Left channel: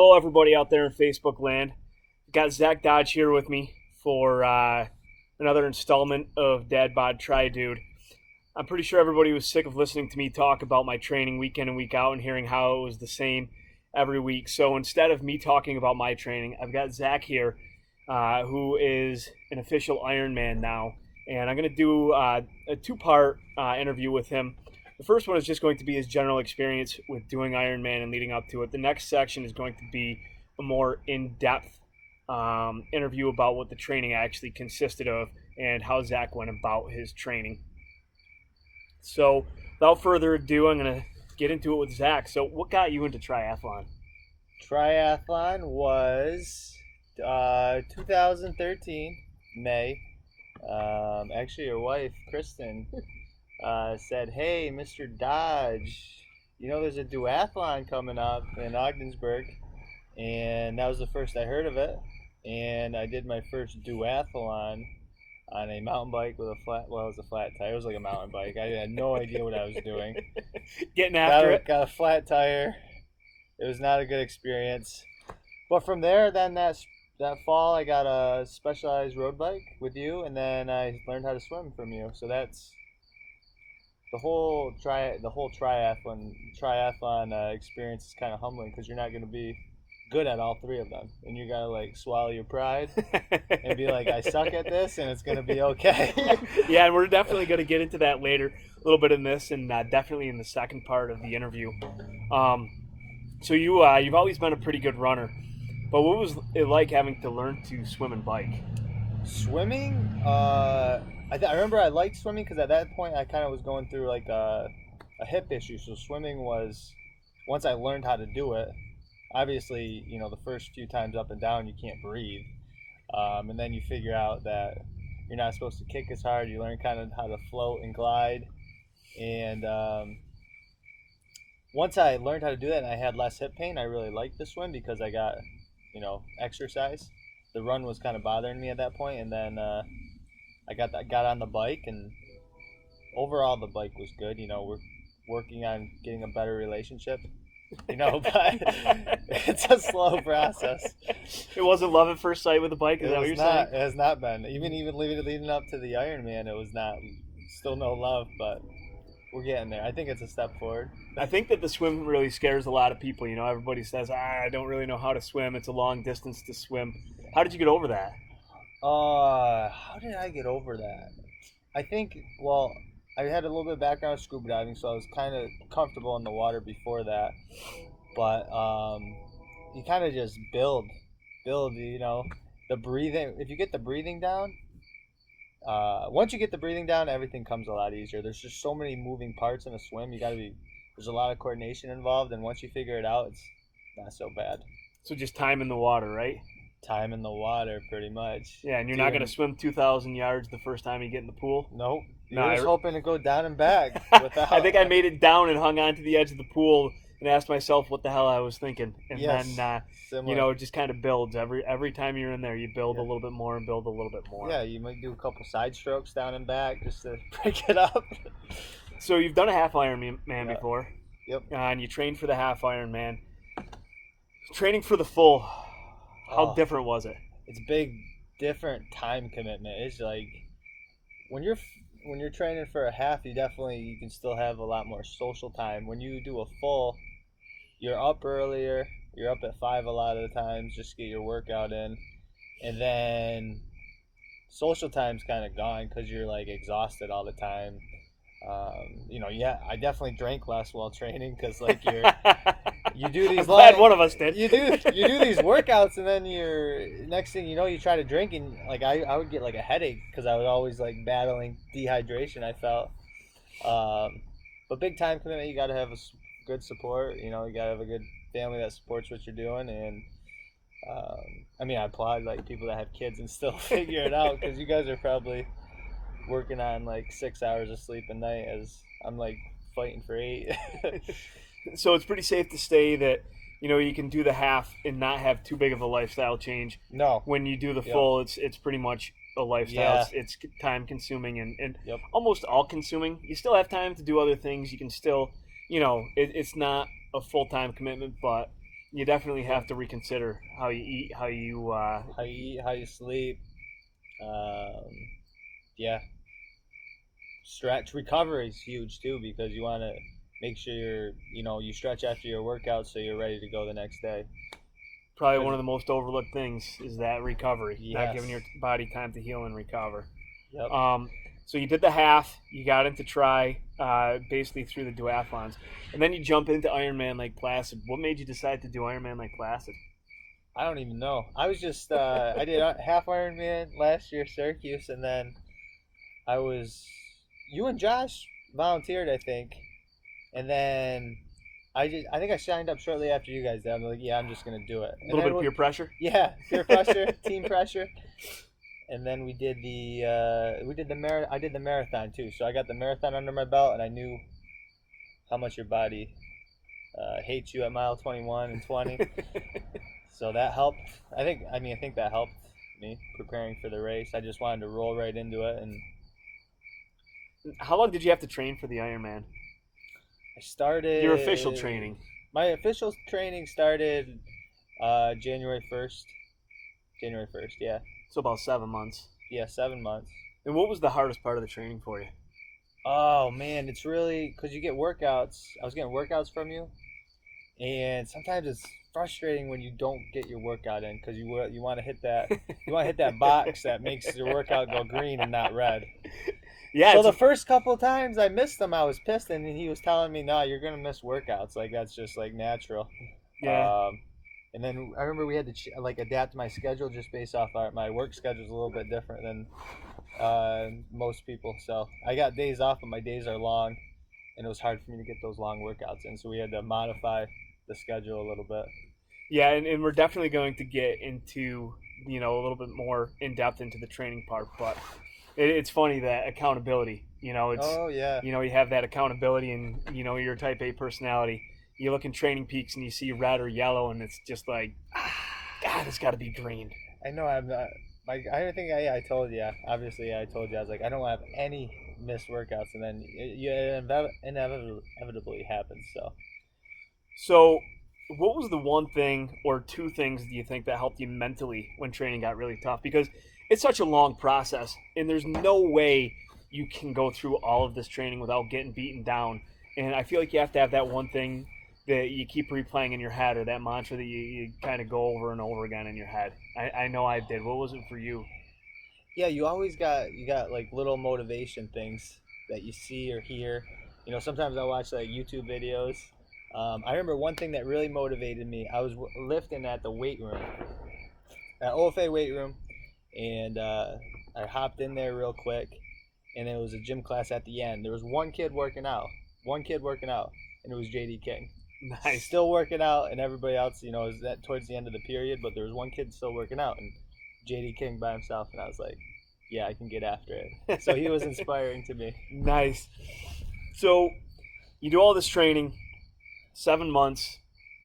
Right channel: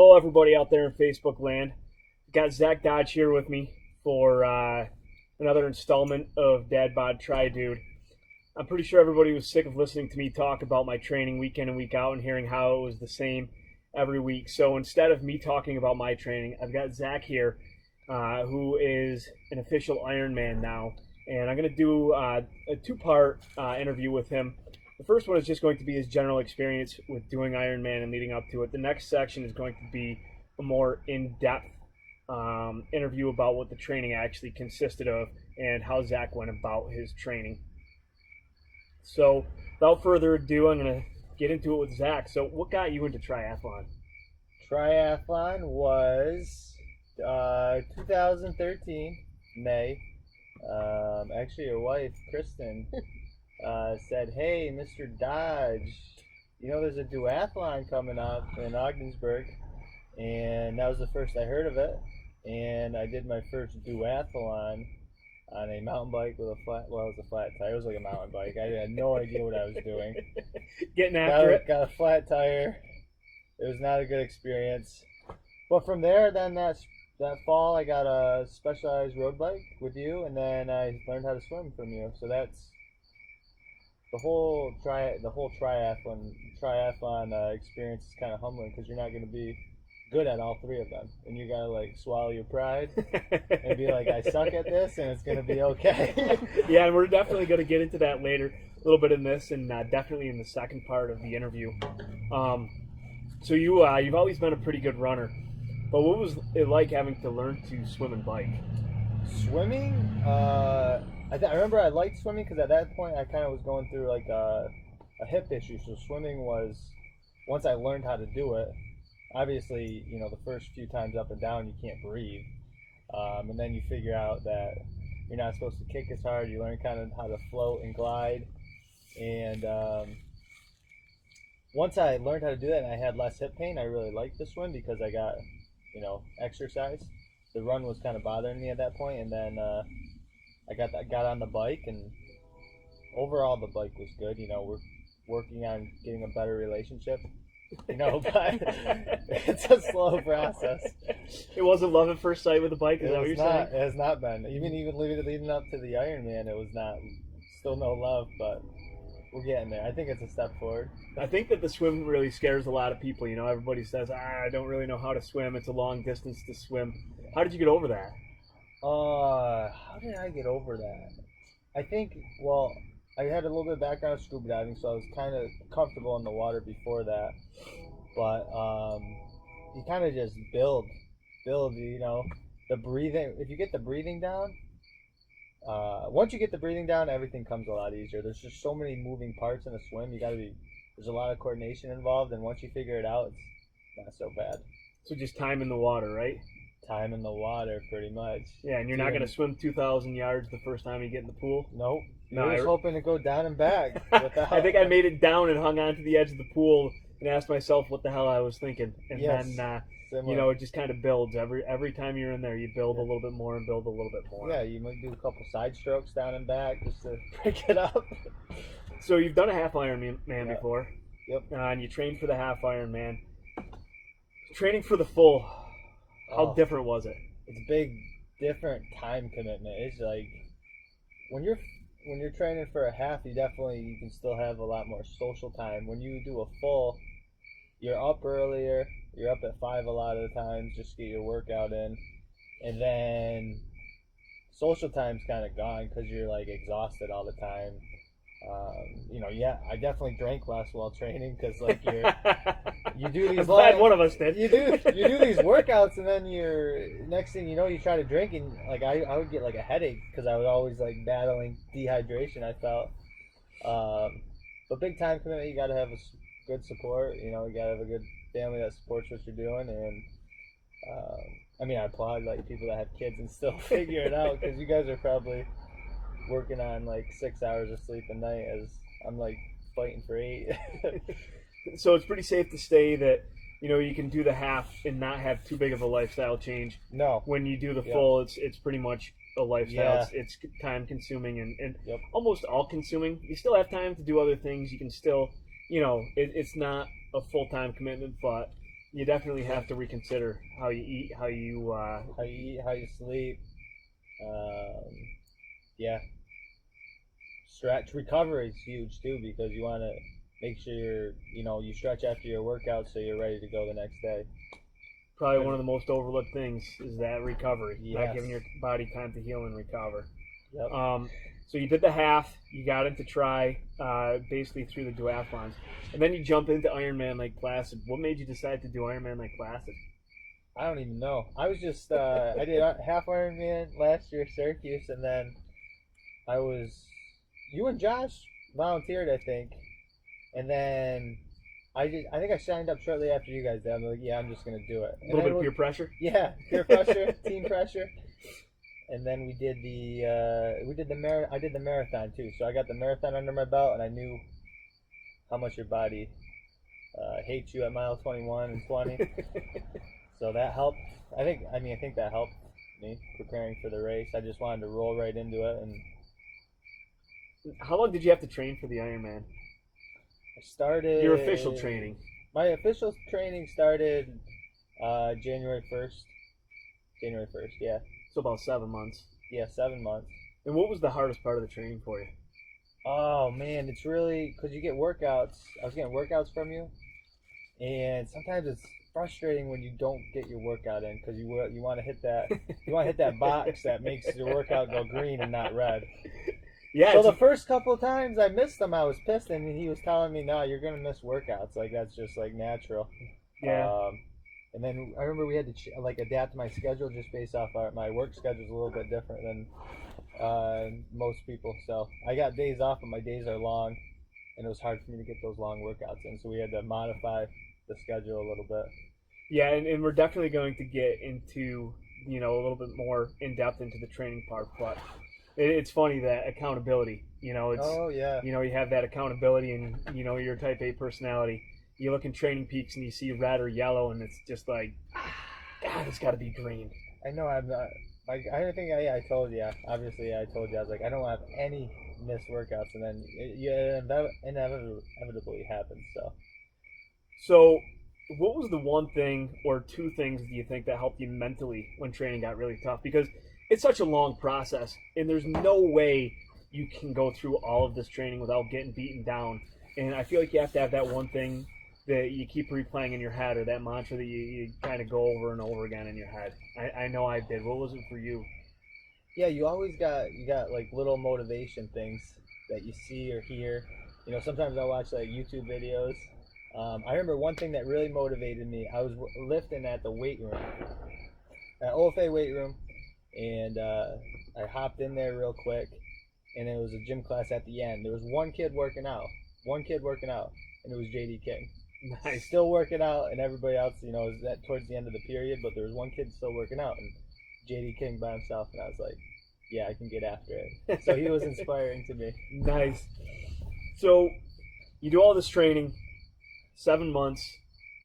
Hello, everybody out there in Facebook land. Got Zach Dodge here with me for another installment of Dad Bod Try Dude. I'm pretty sure everybody was sick of listening to me talk about my training week in and week out and hearing how it was the same every week. So instead of me talking about my training, I've got Zach here, who is an official Ironman now. And I'm going to do a two-part interview with him. The first one is just going to be his general experience with doing Ironman and leading up to it. The next section is going to be a more in-depth interview about what the training actually consisted of and how Zach went about his training. So, without further ado, I'm going to get into it with Zach. So, what got you into triathlon? Triathlon was 2013 May. Actually, your wife Kristen said, "Hey, Mr. Dodge, there's a duathlon coming up in Ogdensburg," and that was the first I heard of it. And I did my first duathlon on a mountain bike with it was a flat tire. It was like a mountain bike. I had no idea what I was doing. Getting after it. Got a flat tire. It was not a good experience. But from there, then that fall, I got a specialized road bike with you, and then I learned how to swim from you. So that's the whole triathlon experience is kind of humbling because you're not going to be good at all three of them, and you gotta like swallow your pride and be like, I suck at this, and it's gonna be okay. Yeah, and we're definitely going to get into that later, a little bit in this, and definitely in the second part of the interview. So you've always been a pretty good runner, but what was it like having to learn to swim and bike? Swimming, I remember I liked swimming because at that point I kind of was going through like a hip issue. So swimming was, once I learned how to do it, obviously, the first few times up and down you can't breathe, and then you figure out that you're not supposed to kick as hard. You learn kind of how to float and glide, and once I learned how to do that and I had less hip pain, I really liked the swim because I got exercise. The run was kind of bothering me at that point, and then I got on the bike, and overall the bike was good. We're working on getting a better relationship. But it's a slow process. It wasn't love at first sight with the bike. Is that what you're saying? It has not been. Even leading up to the Ironman, it was not. Still no love, but we're getting there. I think it's a step forward. I think that the swim really scares a lot of people. Everybody says, I don't really know how to swim. It's a long distance to swim. How did you get over that? How did I get over that? I think, well, I had a little bit of background of scuba diving, so I was kind of comfortable in the water before that. But you kind of just build, the breathing. If you get the breathing down, once you get the breathing down, everything comes a lot easier. There's just so many moving parts in a swim. There's a lot of coordination involved, and once you figure it out, it's not so bad. So just time in the water, right? Time in the water, pretty much. Yeah, and you're not going to swim 2,000 yards the first time you get in the pool? Nope. You're just hoping to go down and back. I think I made it down and hung on to the edge of the pool and asked myself what the hell I was thinking. And then, it just kind of builds. Every time you're in there, you build a little bit more and build a little bit more. Yeah, you might do a couple side strokes down and back just to break it up. So you've done a half Ironman before. Yep. And you trained for the half Ironman. Training for the full, how different was it? It's a big, different time commitment. It's like when you're training for a half, you can still have a lot more social time. When you do a full, you're up earlier. You're up at 5 a lot of the times just to get your workout in, and then social time's kind of gone because you're like exhausted all the time. I definitely drank less while training because like you do these. I'm glad one of us did. You do these workouts, and then next thing you know, you try to drink, and like I would get like a headache because I would always like battling dehydration. I felt, but big time commitment. You got to have a good support. You got to have a good family that supports what you're doing, and I applaud like people that have kids and still figure it out because you guys are probably working on like 6 hours of sleep a night as I'm like fighting for 8. So it's pretty safe to say that you can do the half and not have too big of a lifestyle change. No. When you do the full, it's pretty much a lifestyle. Yeah. It's time consuming and Yep. almost all consuming. You still have time to do other things. You can still, it's not a full time commitment, but You definitely have to reconsider how you eat, how you. How you eat, how you sleep. Um, yeah, stretch recovery is huge too because you want to make sure you stretch after your workout so you're ready to go the next day. Probably one of the most overlooked things is that recovery, not giving your Yes. body time to heal and recover. Yep. So you did the half, you got into tri, basically through the duathlons, and then you jump into Ironman Lake Placid. What made you decide to do Ironman Lake Placid? I don't even know. I was just I did half Ironman last year, Syracuse, and then I was you and Josh volunteered, I think, and then I think I signed up shortly after you guys did. I'm like, yeah, I'm just gonna do it. A And little then bit of peer pressure. yeah, peer pressure, team pressure, and then we did the I did the marathon too. So I got the marathon under my belt, and I knew how much your body hates you at mile 21 and 20. So that helped. I think that helped me preparing for the race. I just wanted to roll right into it, and How long did you have to train for the Ironman? I started Your official training. My official training started January 1st. January 1st, yeah. So about 7 months. Yeah, 7 months. And what was the hardest part of the training for you? Oh man, it's really because you get workouts. I was getting workouts from you, and sometimes it's frustrating when you don't get your workout in because you want to hit that box that makes your workout go green and not red. Yeah. So the first couple of times I missed them, I was pissed, and he was telling me, "No, you're gonna miss workouts. Like that's just like natural." Yeah. And then I remember we had to like adapt my schedule just based off my work schedule is a little bit different than most people. So I got days off, but my days are long, and it was hard for me to get those long workouts in. So we had to modify the schedule a little bit. Yeah, and we're definitely going to get into a little bit more in depth into the training part, but it's funny that accountability. It's Oh yeah. you have that accountability, and your Type A personality. You look in Training Peaks and you see red or yellow, and it's just like, God, it's got to be green. I know I'm not. I think I told you. Obviously, I told you. I was like, I don't have any missed workouts, and then it inevitably happens. So, what was the one thing or two things do you think that helped you mentally when training got really tough? Because it's such a long process, and there's no way you can go through all of this training without getting beaten down. And I feel like you have to have that one thing that you keep replaying in your head, or that mantra that you kind of go over and over again in your head. I know I did. What was it for you? Yeah, you got like little motivation things that you see or hear. Sometimes I watch like YouTube videos. I remember one thing that really motivated me. I was lifting at the weight room, at OFA weight room, and I hopped in there real quick, and it was a gym class at the end. There was one kid working out, and it was JD King. Nice. Still working out, and everybody else, is that towards the end of the period, but there was one kid still working out, and JD King by himself, and I was like, yeah, I can get after it. So he was inspiring to me. Nice. So you do all this training, 7 months.